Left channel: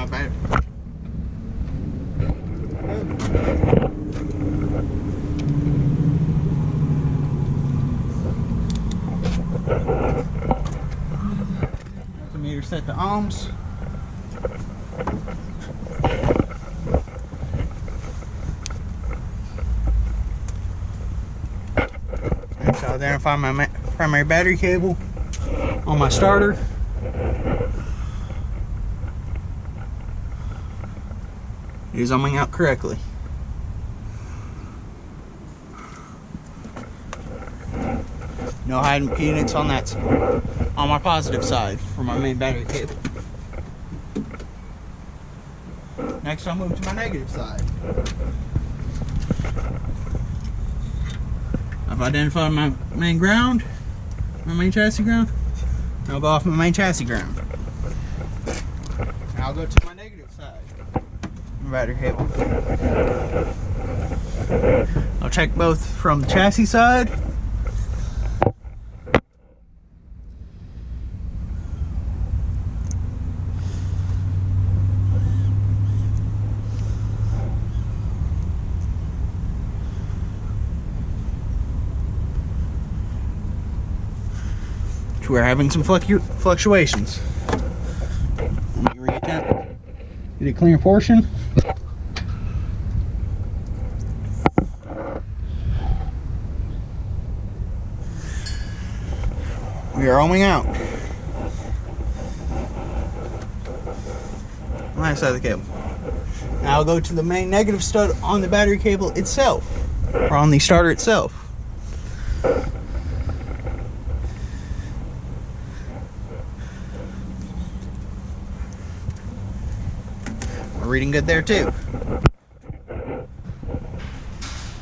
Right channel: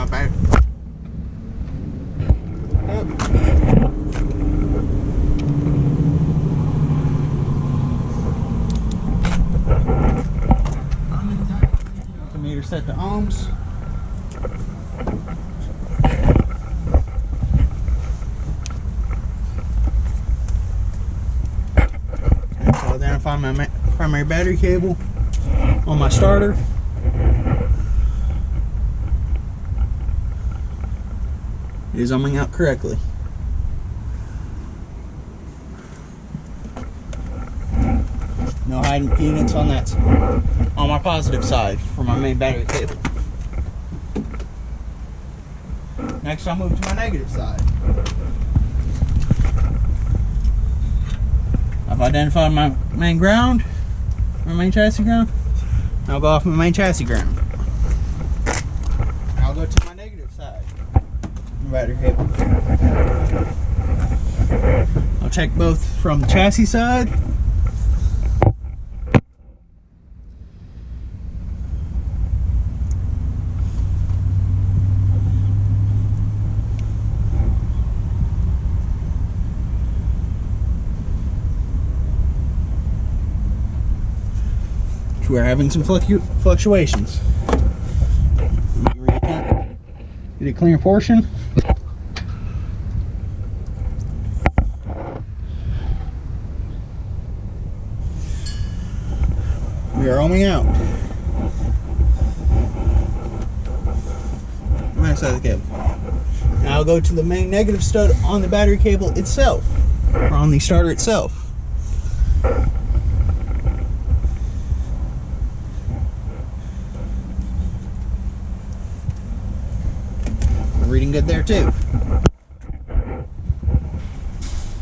my battery. Yep. Meter set to ohms. Next, I'll identify my primary battery cable on my starter. It is ohming out correctly. No high impedance on that, on my positive side for my main battery cable. Next, I'll move to my negative side. I've identified my main ground, my main chassis ground. I'll go off my main chassis ground. And I'll go to my negative side, my battery cable. I'll check both from the chassis side we're having some fluctuations. Let me reattempt. Get a clear portion. We are ohming out. Right side of the cable. Now I'll go to the main negative stud on the battery cable itself, or on the starter itself. Reading good there too.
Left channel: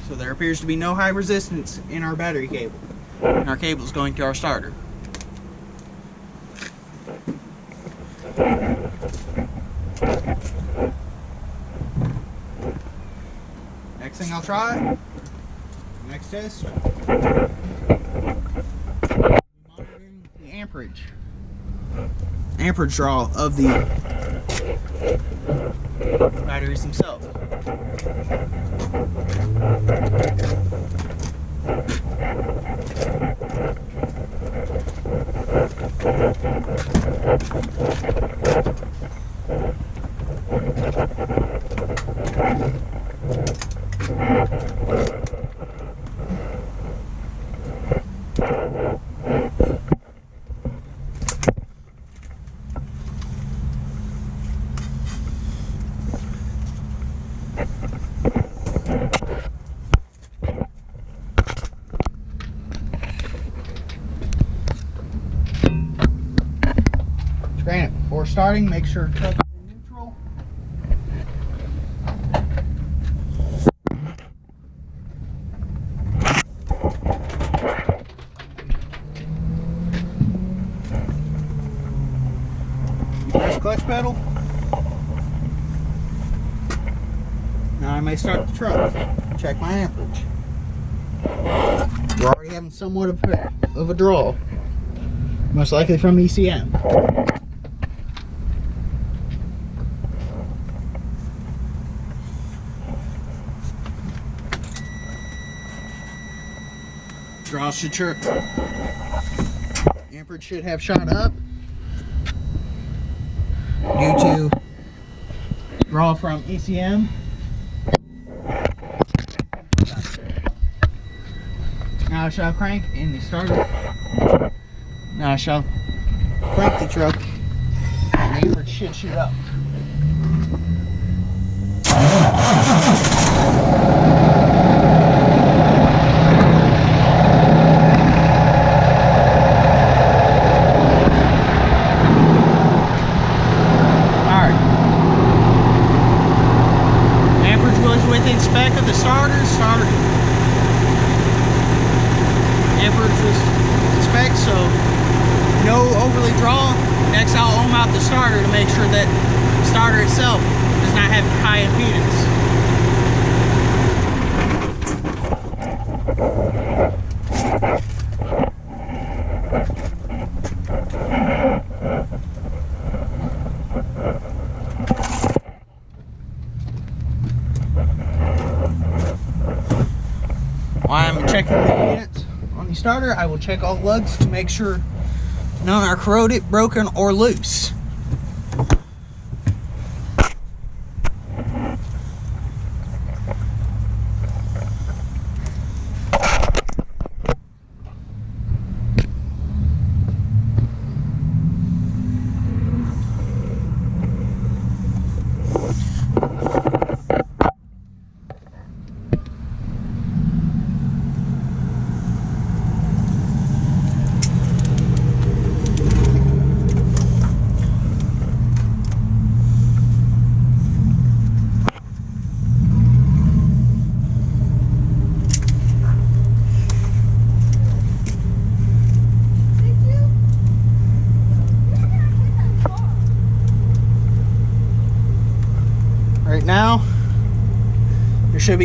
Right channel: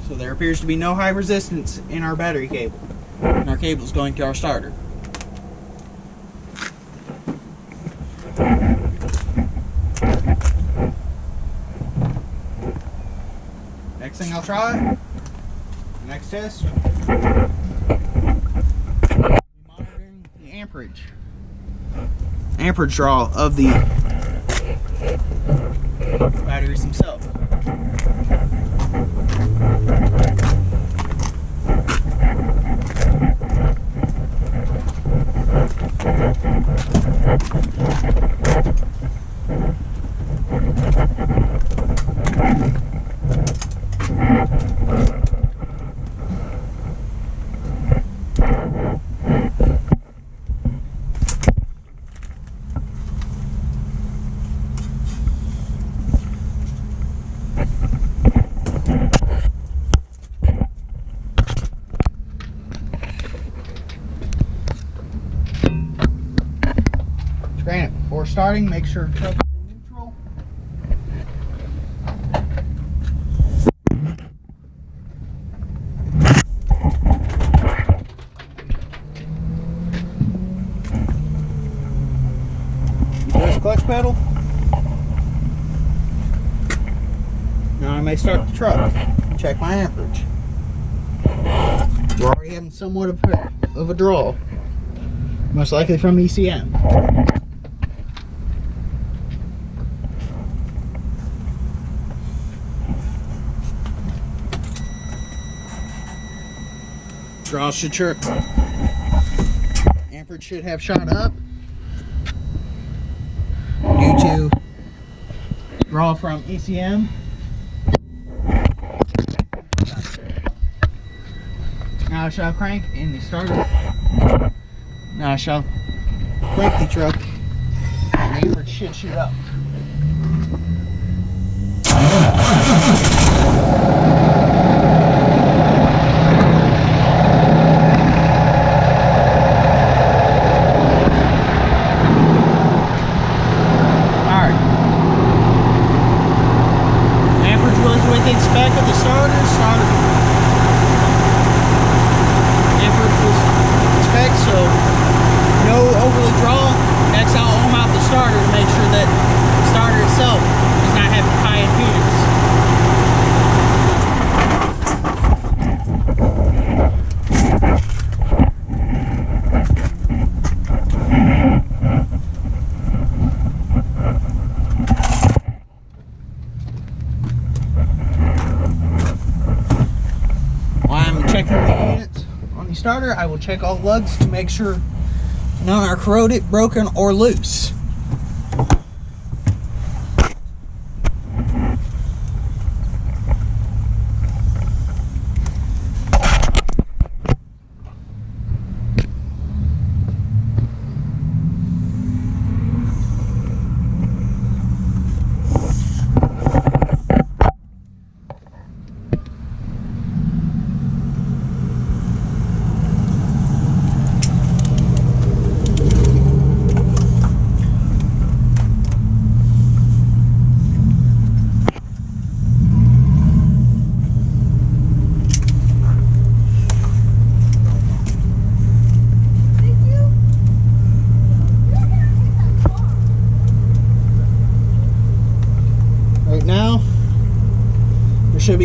So there appears to be no high resistance in our battery cable, and our cable is going to our starter. Next thing I'll try, next test, be monitoring the amperage draw of the batteries themselves. Granted, before starting, make sure truck is in neutral. Press clutch pedal. Now I may start the truck. Check my amperage. We're already having somewhat of a draw, most likely from ECM. Draw should chirp. Amperage should have shot up due to draw from ECM. Now I shall crank in the starter. Now I shall crank the truck, and the amperage should shoot up. Within spec of the starter. Amperage was in spec, so no overly draw. Next I'll ohm out the starter to make sure that the starter itself does not have high impedance. checking the impedance on the starter, I will check all lugs to make sure none are corroded, broken, or loose. Right now, there should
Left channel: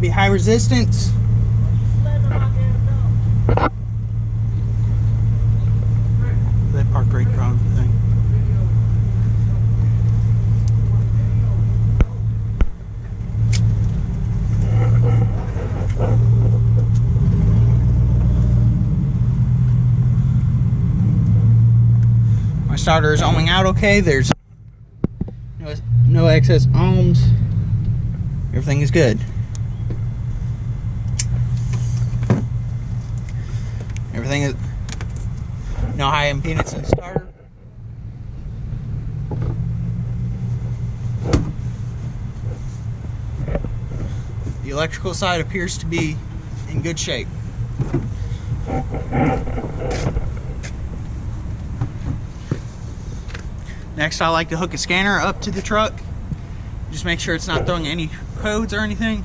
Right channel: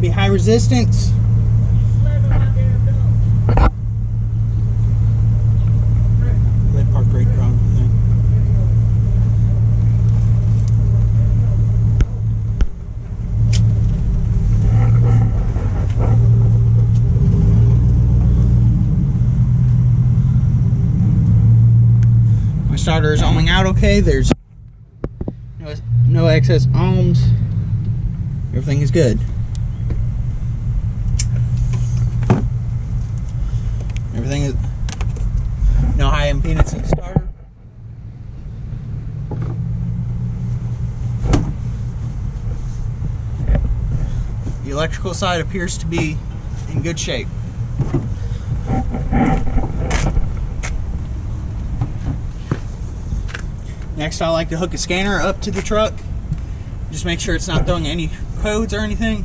be high resistance. They parked right around the thing. My starter is ohming out okay. There's no excess ohms. Everything is good. Everything is no high impedance in the starter. The electrical side appears to be in good shape. Next, I like to hook a scanner up to the truck. Just make sure it's not throwing any codes or anything.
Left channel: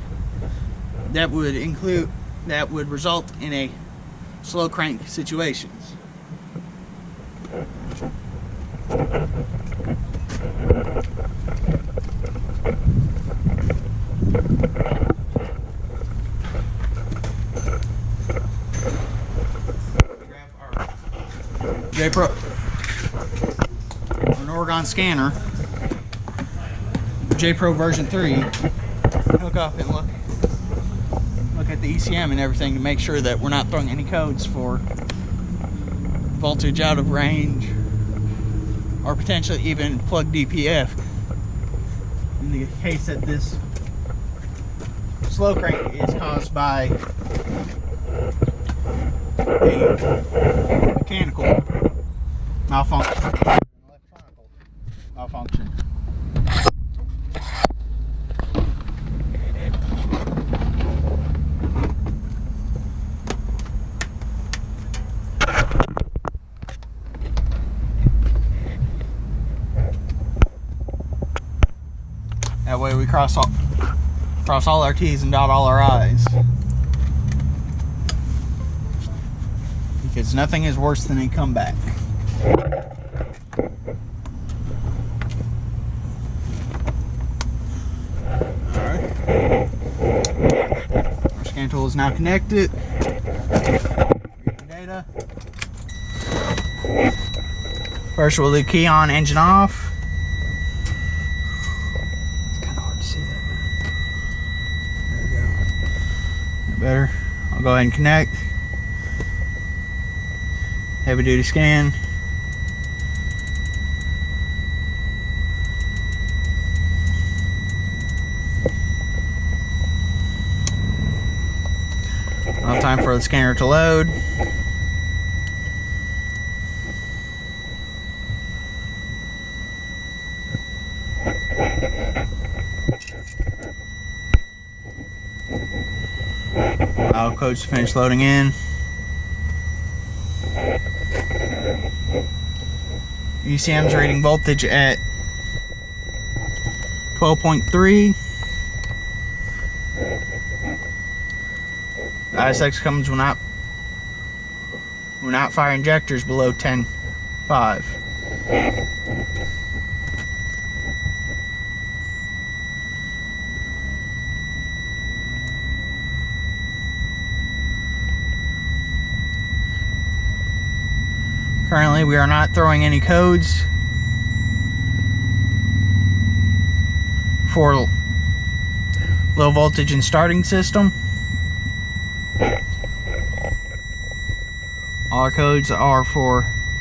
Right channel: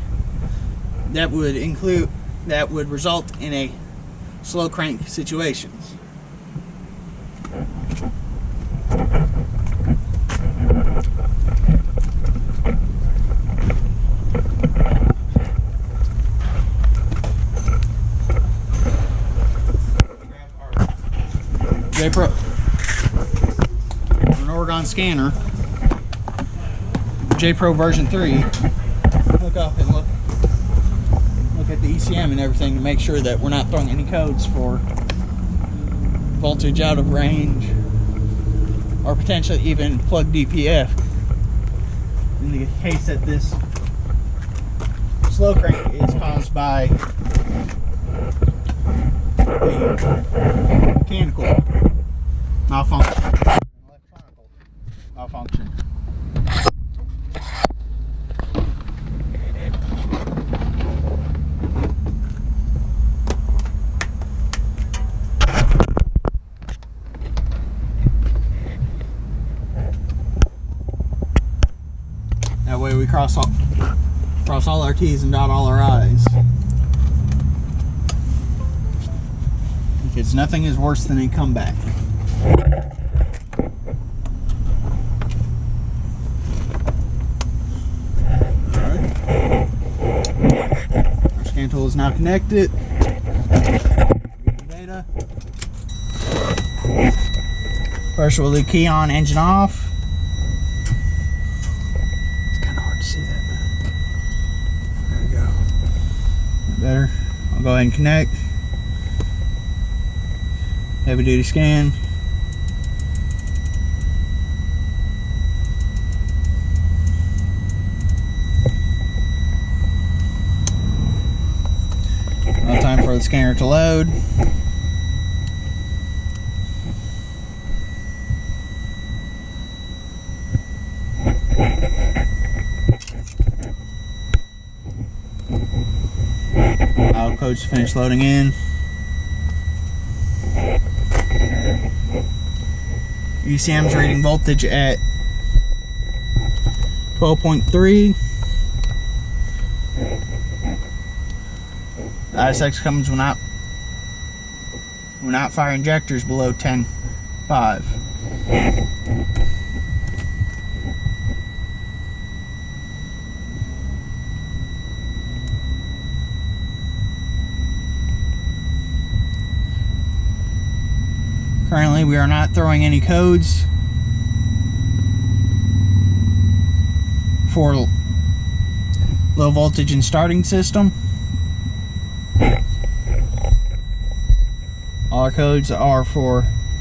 That would result in a slow crank situation. Grab our J-Pro. An Oregon scanner, J-Pro version 3, hook up and look at the ECM and everything to make sure that we're not throwing any codes for voltage out of range or potentially even plug DPF in the case that this slow crank is caused by a mechanical malfunction. Malfunction. That way we cross all our T's and dot all our I's. Because nothing is worse than a comeback. Scan tool is now connected. Reading data. First we'll do key on, engine off. It's kind of hard to see that, man. There we go. Better. I'll go ahead and connect. Heavy duty scan. No time for the scanner to load. Allow codes to finish loading in. ECM's reading voltage at 12.3. ISX comes when not fire injectors below 10.5. Currently, we are not throwing any codes for low voltage and starting system. All our codes are for